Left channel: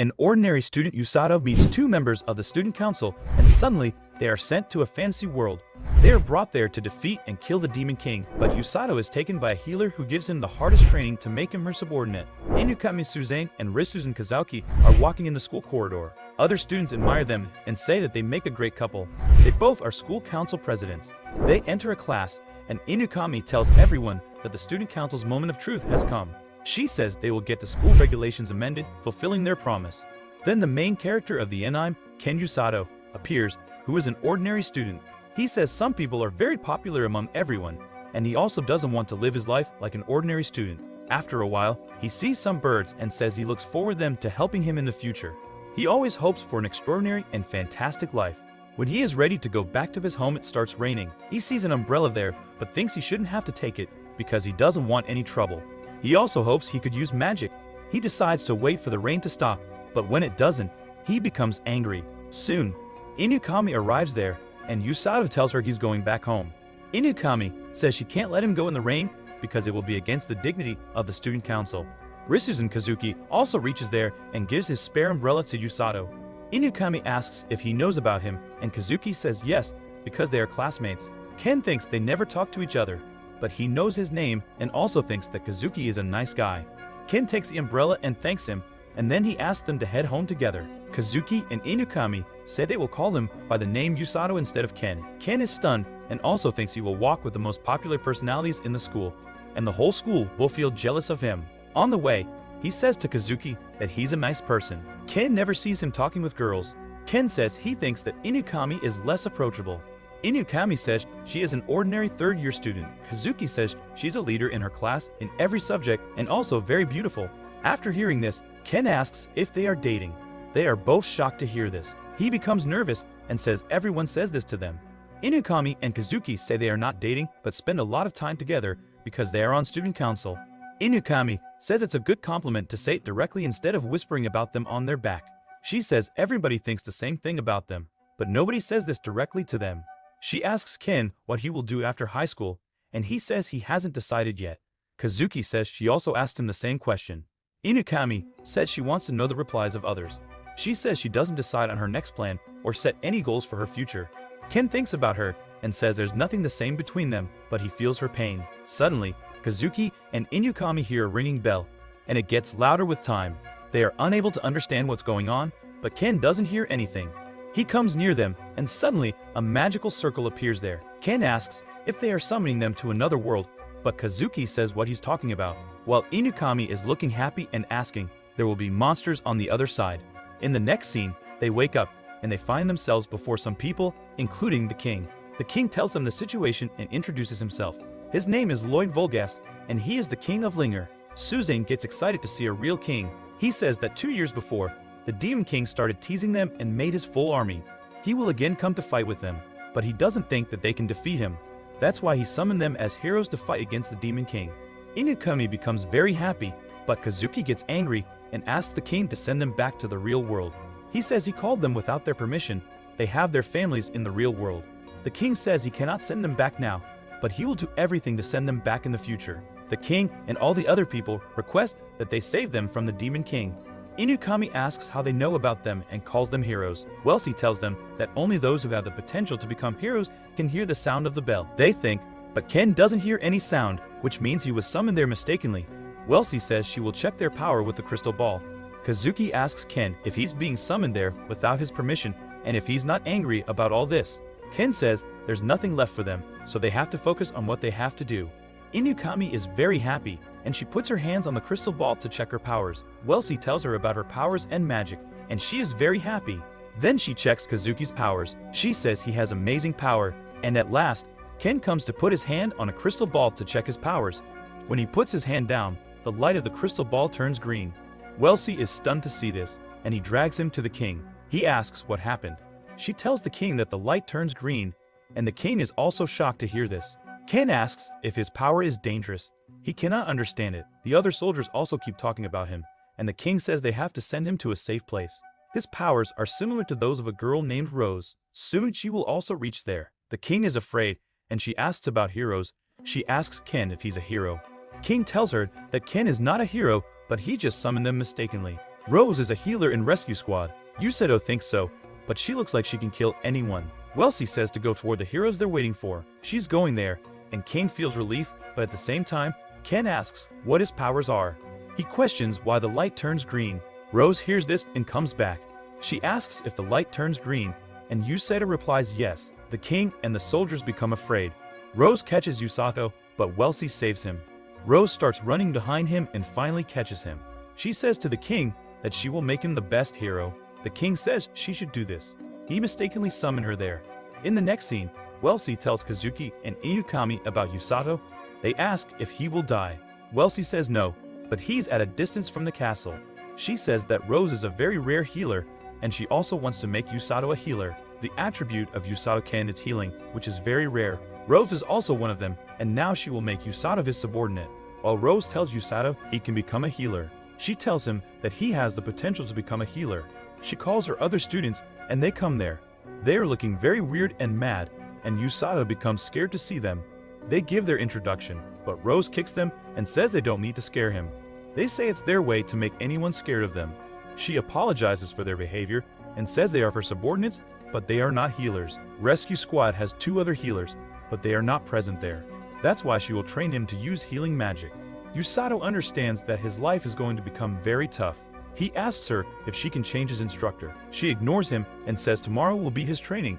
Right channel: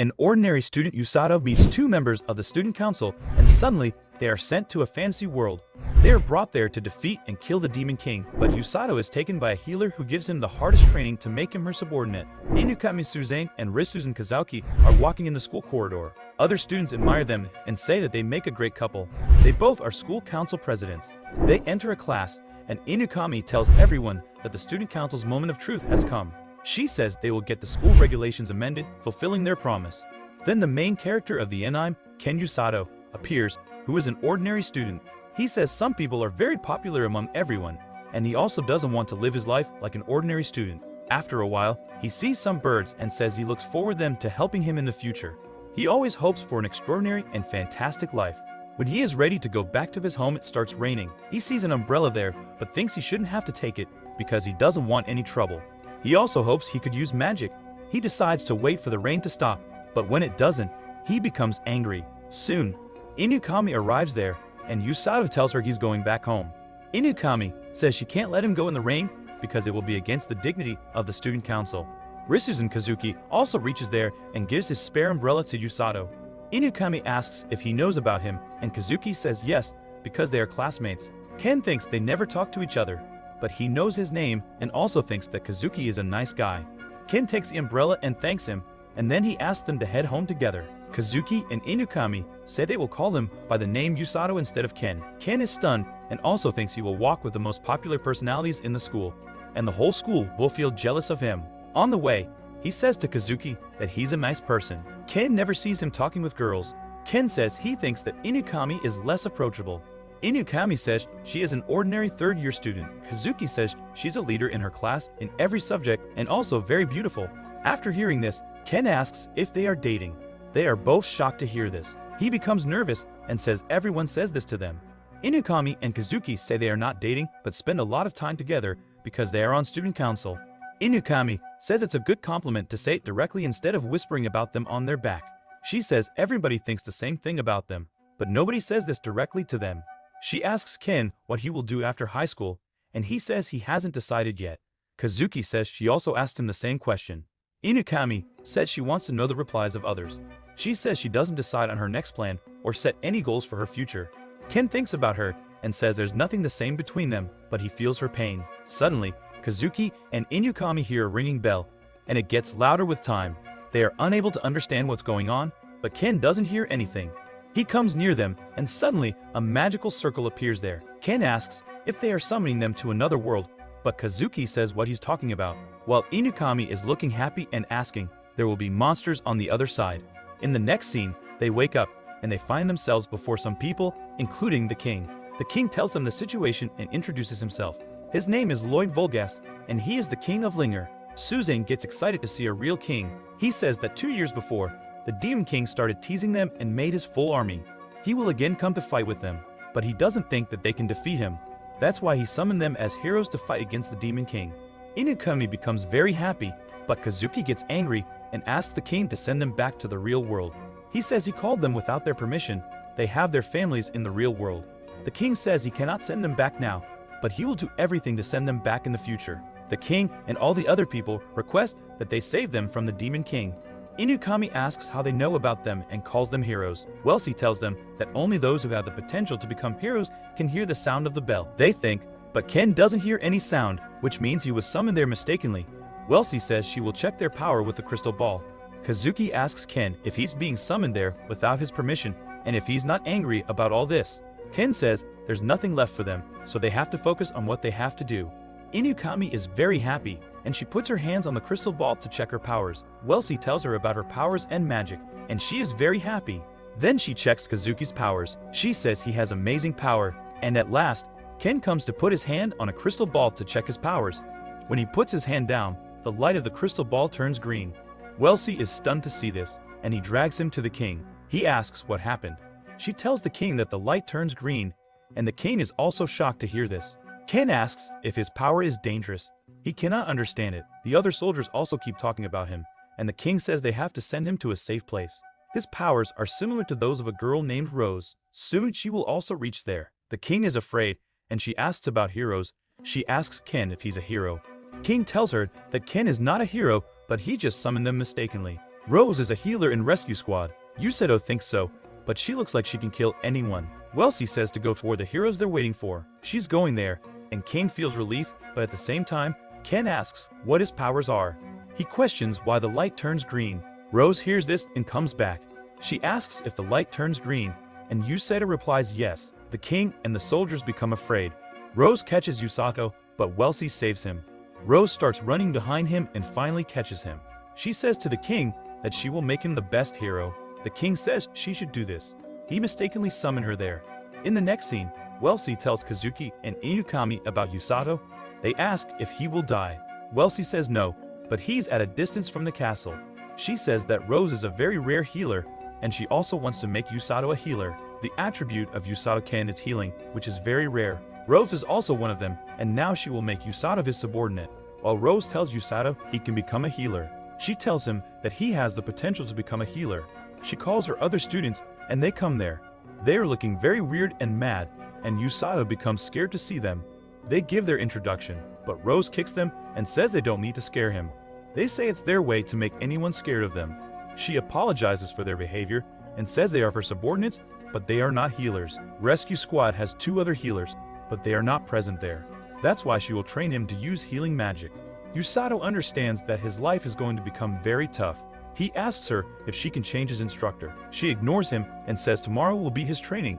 An ordinary student, Usato, meets two members of the student council, and suddenly they are sent to a fantasy world. They are brought there to defeat and kill the Demon King, but Usato is taken by a healer who gives him the hardest training to make him her subordinate. Inukami Suzane and Risuzan Kazuki are walking in the school corridor. Other students admire them and say that they make a great couple. They both are school council presidents. They enter a class, and Inukami tells everyone that the student council's moment of truth has come. She says they will get the school regulations amended, fulfilling their promise. Then the main character of the anime, Ken Usato, appears, who is an ordinary student. He says some people are very popular among everyone, and he also doesn't want to live his life like an ordinary student. After a while, he sees some birds and says he looks forward them to helping him in the future. He always hopes for an extraordinary and fantastic life. When he is ready to go back to his home, it starts raining. He sees an umbrella there, but thinks he shouldn't have to take it because he doesn't want any trouble. He also hopes he could use magic. He decides to wait for the rain to stop, but when it doesn't, he becomes angry. Soon, Inukami arrives there, and Usato tells her he's going back home. Inukami says she can't let him go in the rain because it will be against the dignity of the student council. Risuzan Kazuki also reaches there and gives his spare umbrella to Usato. Inukami asks if he knows about him, and Kazuki says yes, because they are classmates. Ken thinks they never talk to each other, but he knows his name and also thinks that Kazuki is a nice guy. Ken takes the umbrella and thanks him, and then he asks them to head home together. Kazuki and Inukami say they will call him by the name Usato instead of Ken. Ken is stunned and also thinks he will walk with the most popular personalities in the school, and the whole school will feel jealous of him. On the way, he says to Kazuki that he's a nice person. Ken never sees him talking with girls. Ken says he thinks that Inukami is less approachable. Inukami says she is an ordinary third-year student. Kazuki says she's a leader in her class in every subject and also very beautiful. After hearing this, Ken asks if they are dating. They are both shocked to hear this. He becomes nervous and says everyone says this to them. Inukami and Kazuki say they are not dating but spend a lot of time together because they are on student council. Inukami says it's a good compliment to say it directly instead of whispering about them on their back. She says everybody thinks the same thing about them, but nobody says this directly to them. She asks Ken what he will do after high school, and he says he hasn't decided yet. Kazuki says she also asked him the same question. Inukami says she wants to know the replies of others. She says she doesn't decide on her next plan or set any goals for her future. Ken thinks about her and says there's nothing the same between them, but he feels her pain. Suddenly, Kazuki and Inukami hear a ringing bell, and it gets louder with time. They are unable to understand what's going on, but Ken doesn't hear anything. He comes near them, and suddenly a magical circle appears there. Ken asks if they are summoning them to another world, but Kazuki says what he's talking about, while Inukami is looking happy and asking there will be monsters on the other side. In the next scene, they wake up, and they find themselves before some people, including the king. The king tells them the situation and introduces himself. His name is Lloyd Volgast, and he is the king of Linger. Suzane gets excited to see a real king. He says that 2 years before, the Demon King started teasing them and made his full army. He will again come to fight with them, but he doesn't think that they can defeat him. That's why he summoned them as heroes to fight against the Demon King. Inukami becomes very happy, but Kazuki gets angry and asks the king to send them back to the real world. He says he called them without their permission. They have their families in the real world. The king says he cannot send them back now, but he will do everything to send them back in the future. The king and all the other people request that they save them from the Demon King. Inukami asks how they know about them and calls them heroes. Welsi tells them that only those who have the potential to become heroes can hear the sound of the bell. They think, but Ken doesn't hear any sound, which means he was summoned there mistakenly. Welsi says she will check their power with the crystal ball. Kazuki asks Ken if he's being summoned there without his permission and if he's not angry about all this. Ken says there's nothing left for them, so they have to focus on what they have to do. Inukami is very happy, and she puts her hands on the crystal ball to check her powers. Welsi tells her about her powers and magic, and she is very happy. Then she checks Kazuki's powers. She says he has amazing power, and at last, Ken comes to put his hand on a crystal ball to check his powers. When he puts his hand down, the light of the crystal ball turns green. Welsi is stunned to see this, and he drags him to the king. He asks what happened. She tells the king that the light turns green, and the king is also shocked to hear this. Ken asks if his power is dangerous. He cannot understand it. The other soldiers also keep talking about him, and the king says they have to send him to a safe place. His powers are similar to those of a girl named Rose. Soon she will also reach there. The king is afraid, and she asks about heroes. She asks Ken if he's a hero. King tells her that Ken is not a hero, but he just summoned them mistakenly. Rose is a healer in rescue squad. Usato thinks so, but she looks like she can kill anyone. Welsi says to go toward the heroes they're waiting for. She's going there, and King feels relief, but at the same time, Ken asks what his powers are. He questions why the light turns green. Rose hears this and comes back. She asks if the light turns green, and Usato replies yes. The king and the soldiers become afraid. Rose catches Usato, but Welsi saves him. Rose starts running behind him and finally catches him. She says to the king that she will make him the best hero. The king says she should do this. He mistakenly summoned her there. In the next scene, Welsi tells Kazuki and Inukami about Usato. They ask if he will die. Welsi says no, but he's at a distance from the castle. She says that Rose is a very rare healer, and she also wants to make Usato a healer. The attribute of Usato Ken is healing, which is very rare. Rose is also one of them, and now she will make Usato his subordinate. While Rose tells Usato he can become a healer, she tells him that he has the potential to become a healer. She calls her other students, and they come there. They are looking very weird and mad, and Usato becomes scared to see them. They give their introduction, but Rose kicks them and says they don't need to scare him. They say it's their way to make anyone scared of them. She apologizes for their behavior and says they are her subordinates, but they are not healers. Rescue Squad has 2 other healers, but they are not present there. That's why she will train him to use healing magic. Usato understands that his life is going to become very tough. He asks her if she can change his instructor. She ignores him and says tomorrow will be his training.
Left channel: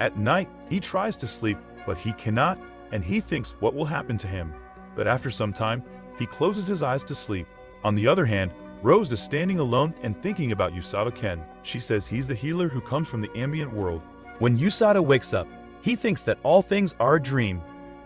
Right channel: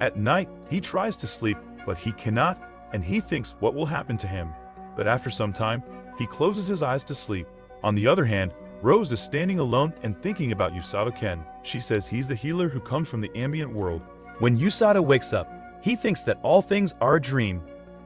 At night, he tries to sleep, but he cannot, and he thinks what will happen to him. But after some time, he closes his eyes to sleep. On the other hand, Rose is standing alone and thinking about Usato Ken. She says he's the healer who comes from the ambient world. When Usato wakes up, he thinks that all things are a dream.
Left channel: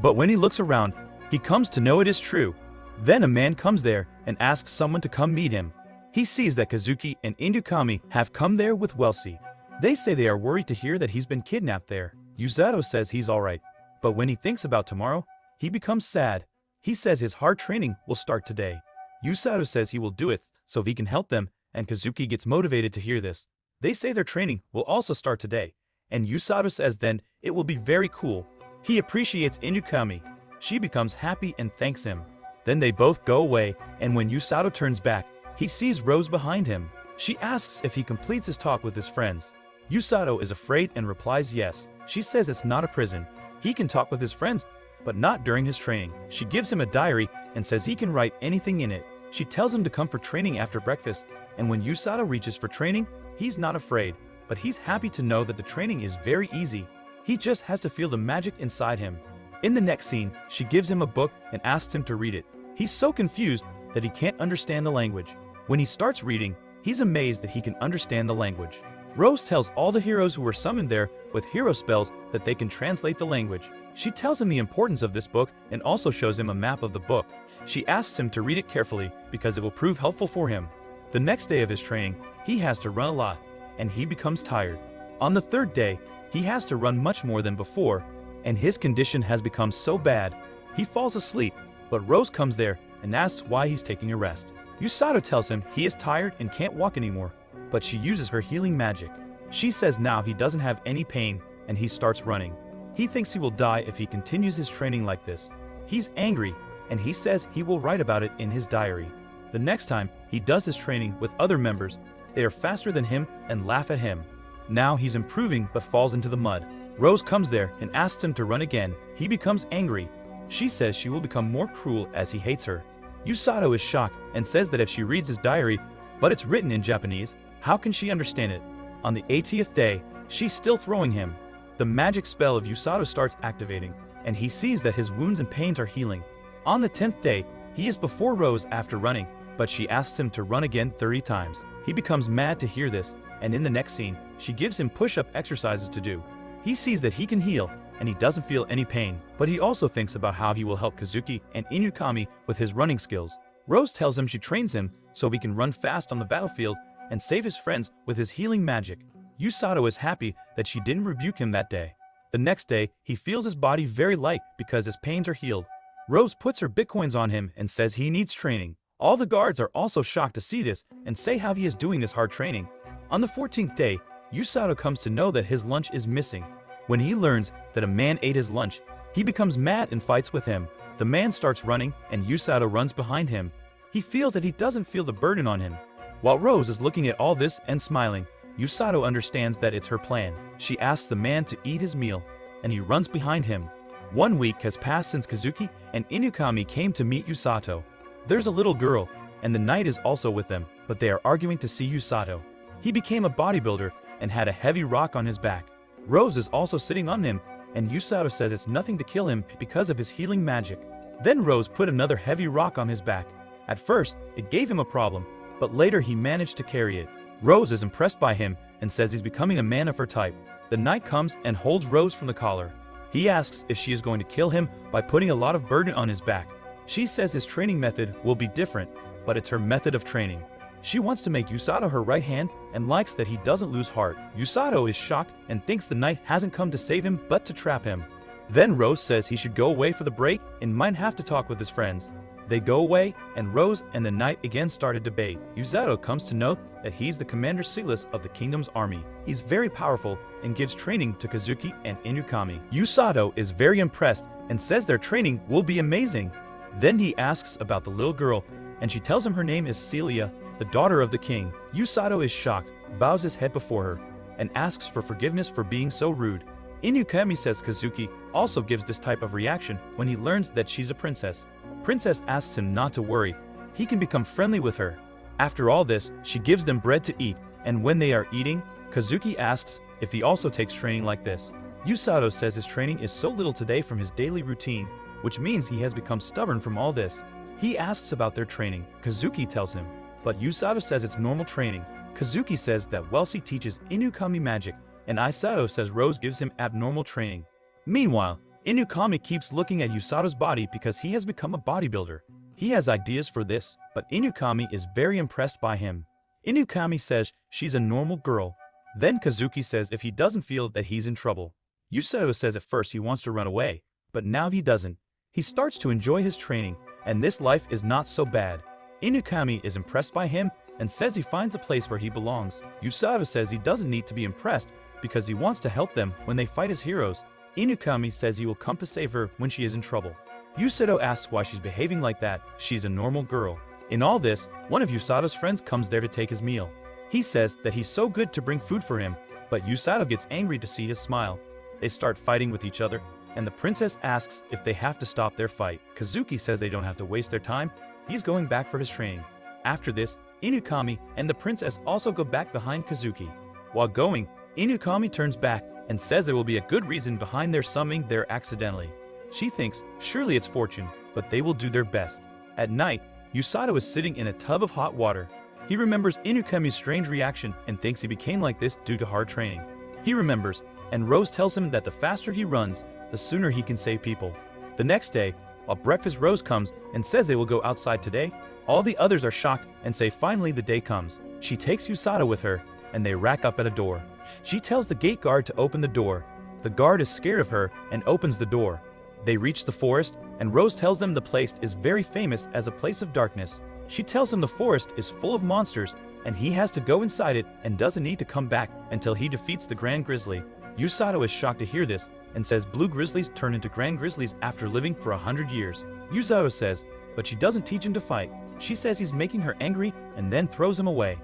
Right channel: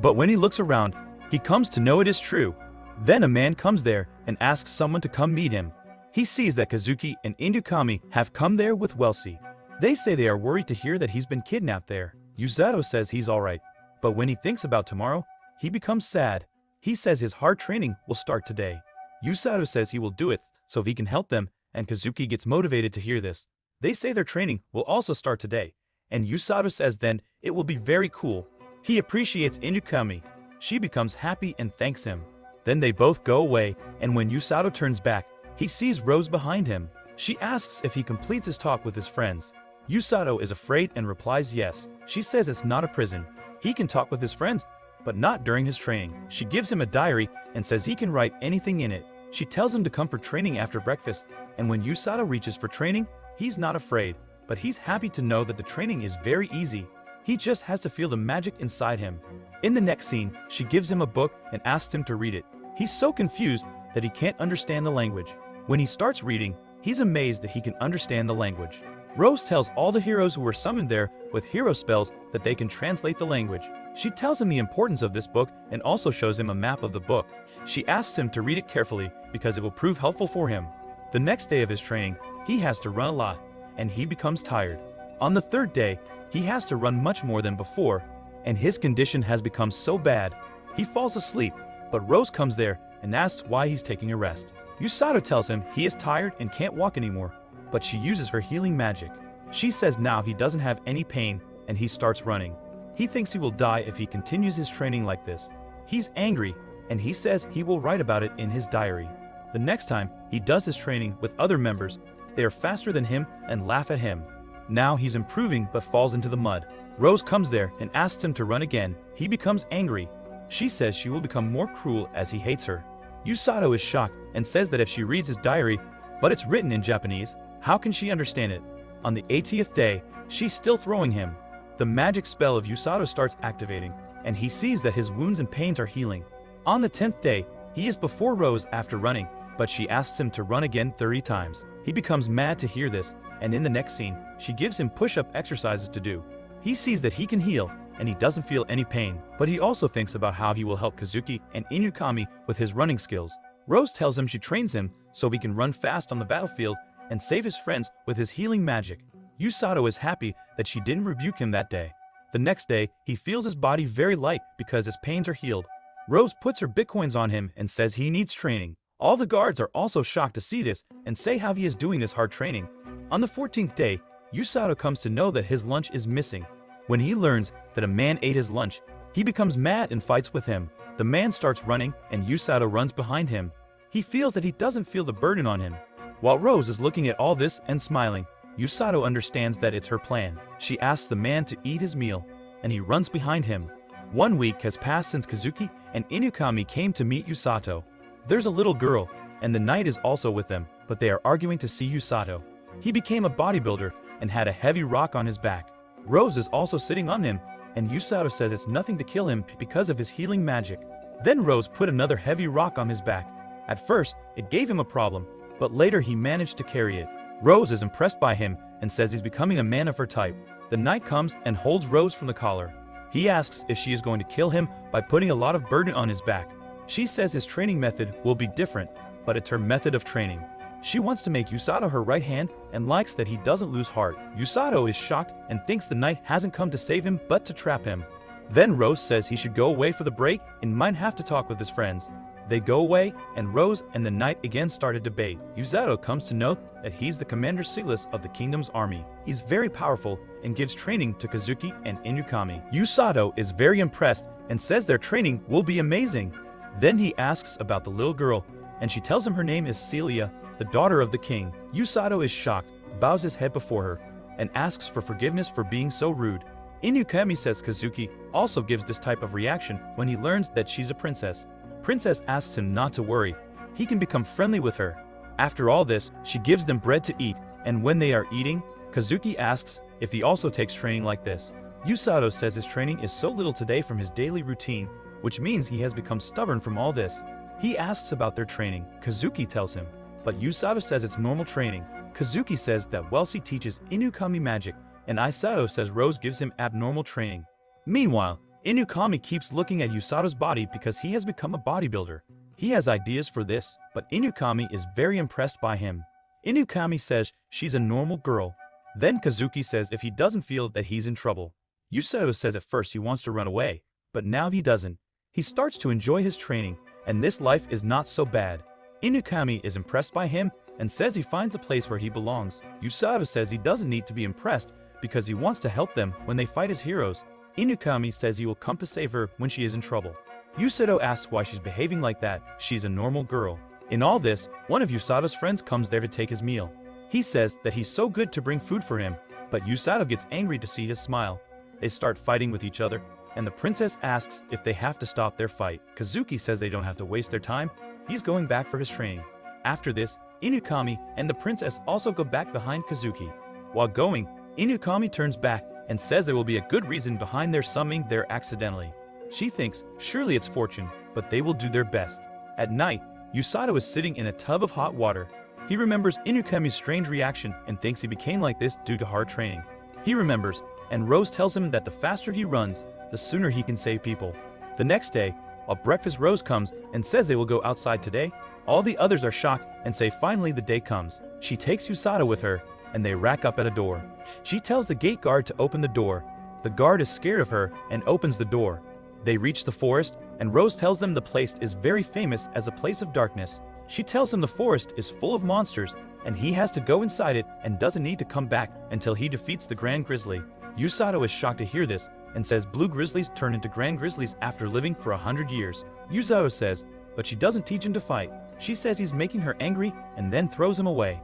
But when he looks around, he comes to know it is true. Then a man comes there and asks someone to come meet him. He sees that Kazuki and Inukami have come there with Welsi. They say they are worried to hear that he's been kidnapped there. Usato says he's alright, but when he thinks about tomorrow, he becomes sad. He says his hard training will start today. Usato says he will do it so he can help them, and Kazuki gets motivated to hear this. They say their training will also start today, and Usato says then it will be very cool. He appreciates Inukami. She becomes happy and thanks him. Then they both go away, and when Usato turns back, he sees Rose behind him. She asks if he completes his talk with his friends. Usato is afraid and replies yes. She says it's not a prison. He can talk with his friends, but not during his training. She gives him a diary and says he can write anything in it. She tells him to come for training after breakfast, and when Usato reaches for training, he's not afraid, but he's happy to know that the training is very easy. He just has to feel the magic inside him. In the next scene, she gives him a book and asks him to read it. He's so confused that he can't understand the language. When he starts reading, he's amazed that he can understand the language. Rose tells all the heroes who were summoned there with hero spells that they can translate the language. She tells him the importance of this book and also shows him a map of the book. She asks him to read it carefully because it will prove helpful for him. The next day of his training, he has to run a lot, and he becomes tired. On the 3rd day, he has to run much more than before, and his condition has become so bad, he falls asleep, but Rose comes there and asks why he's taking a rest. Usato tells him he is tired and can't walk anymore, but she uses her healing magic. She says now he doesn't have any pain, and he starts running. He thinks he will die if he continues his training like this. He's angry, and he says he will write about it in his diary. The next time he does his training with other members, they are faster than him and laugh at him. Now he's improving but falls into the mud. Rose comes there and asks him to run again. He becomes angry. She says she will become more cruel as he hates her. Usato is shocked and says that if she reads his diary, but it's written in Japanese, how can she understand it? On the 80th day, she's still throwing him. The magic spell of Usato starts activating, and he sees that his wounds and pains are healing. On the 10th day, he is before Rose after running, but she asks him to run again 30 times. He becomes mad to hear this, and in the next scene, she gives him push-up exercises to do. He sees that he can heal, and he doesn't feel any pain, but he also thinks about how he will help Kazuki and Inukami with his running skills. Rose tells him she trains him so he can run fast on the battlefield and save his friends with his healing magic. Usato is happy that she didn't rebuke him that day. The next day, he feels his body very light because his pains are healed. Rose puts her bitcoins on him and says he needs training. All the guards are also shocked to see this and say how he is doing this hard training. On the 14th day, Usato comes to know that his lunch is missing. When he learns that a man ate his lunch, he becomes mad and fights with him. The man starts running and Usato runs behind him. He feels that he doesn't feel the burden on him. While Rose is looking at all this and smiling, Usato understands that it's her plan. She asks the man to eat his meal, and he runs behind him. 1 week has passed since Kazuki and Inukami came to meet Usato. There's a little girl, and the knight is also with them, but they are arguing to see Usato. He became a bodybuilder and had a heavy rock on his back. Rose is also sitting on him, and Usato says it's nothing to kill him because of his healing magic. Then Rose put another heavy rock on his back. At first, it gave him a problem, but later he managed to carry it. Rose is impressed by him and says he's becoming a man of her type. The knight comes and holds Rose from the collar. He asks if she is going to kill him by putting a lot of burden on his back. She says his training method will be different, but it's her method of training. She wants to make Usato her right hand and likes that he doesn't lose heart. Usato is shocked and thinks the knight hasn't come to save him but to trap him. Then Rose says he should go away for the break and might have to talk with his friends. They go away, and Rose and the knight again start a debate. Usato comes to know that he's the Commander Silas of the kingdom's army. He's very powerful and gives training to Kazuki and Inukami. Usato is very impressed and says their training will be amazing. Then he asks about the little girl, and she tells him her name is Celia, the daughter of the king. Usato is shocked, bows his head before her, and asks for forgiveness for being so rude. Inukami says Kazuki also gives this type of reaction when he learns that she's a princess. Princess asks him not to worry. He can become friendly with her. After all this, she gives them bread to eat, and when they are eating, Kazuki asks if he also takes training like this. Usato says his training is so little today from his daily routine, which means he has become stubborn from all this. He asks about their training. Kazuki tells him, but Usato says it's normal training. Kazuki says that Welsi teaches Inukami magic, and Usato says Rose gives him abnormal training. Meanwhile, Inukami keeps looking at Usato's body because he has become a bodybuilder. He has ideas for this, but Inukami is very impressed by him. Inukami says she's a normal girl. Then Kazuki says if he doesn't feel that he's in trouble. Usato says at first he wants to run away, but now he doesn't. He starts to enjoy his training, and this life is not so bad. Inukami is impressed by him and says he finds a place where he belongs. Usato says he doesn't need to be impressed because he wants to help them when they fight as heroes. Inukami says he will come to save her when she is in trouble. Usato asks why she's behaving like that. She's a normal girl. In all this, one of Usato's friends comes there to take his meal. He says that he's so good to bring food for him, but Usato gets angry to see his smile. They start fighting with each other, and the princess asks if they have to stop their fight. Kazuki says they don't have to waste their time. He's going back for his training. After this, Inukami and the princess also go back behind Kazuki. While going, Inukami turns back and says there will be a good reason behind their summoning there accidentally. She thinks surely it's fortune, but they will do their best. At night, Usato is sitting in a tub of hot water. He remembers Inukami's strange reaction and thinks he became like this due to hard training. He remembers, and Rose tells him that the faster he runs, the sooner he can save people. The next day, while breakfast, Rose comes and says they will go outside today. All the others are shocked and say finally the day comes. She takes Usato with her, and they rack up at a door. She tells the gate guard to open the door. The guard is scared of her and opens the door. They reach the forest, and Rose tells them the place is very famous as a place of darkness. She tells him the forest is full of monsters, and he has to go inside it and doesn't need to come back until he defeats the Grand Grizzly. Usato is shocked to hear this and says blue grizzlies turn into Grand Grizzlies after living for 100 years. Usato says, but she doesn't teach him to fight. She says he's making her angry and then throws him away.